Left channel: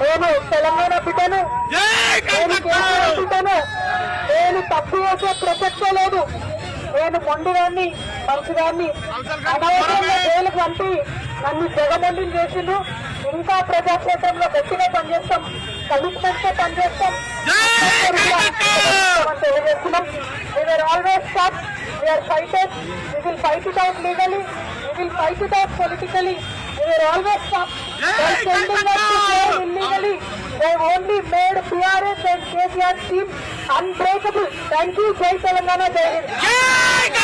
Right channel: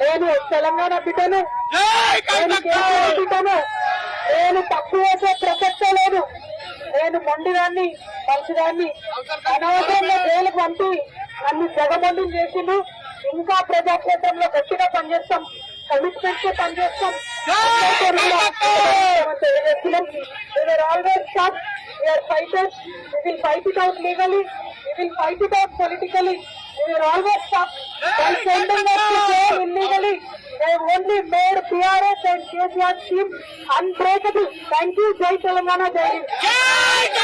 నేను తెలంగాణ బిడ్డను, నేను కేసీఆర్ బిడ్డను. నేను తప్పు చేసే ప్రసక్తే లేదు. నేను మొండిదాన్ని, మంచిదాన్ని. అనవసరంగా జైలుకు వంటి నన్ను జగమండిని చేసిండు. ఇంకా ప్రజాక్షేత్రంలో గట్టిగా పనిచేస్తాం, కమిట్మెంట్ తో పనిచేస్తాం. తెలియజేస్తున్నాం. We are always stop, we are fighters. We will fight it out legally, we will fight it out politically. We will always stop by sending us to jail illegally. They only made PRS and KCR team unbreakable. Thank you. Jai Telangana, Jai Hind.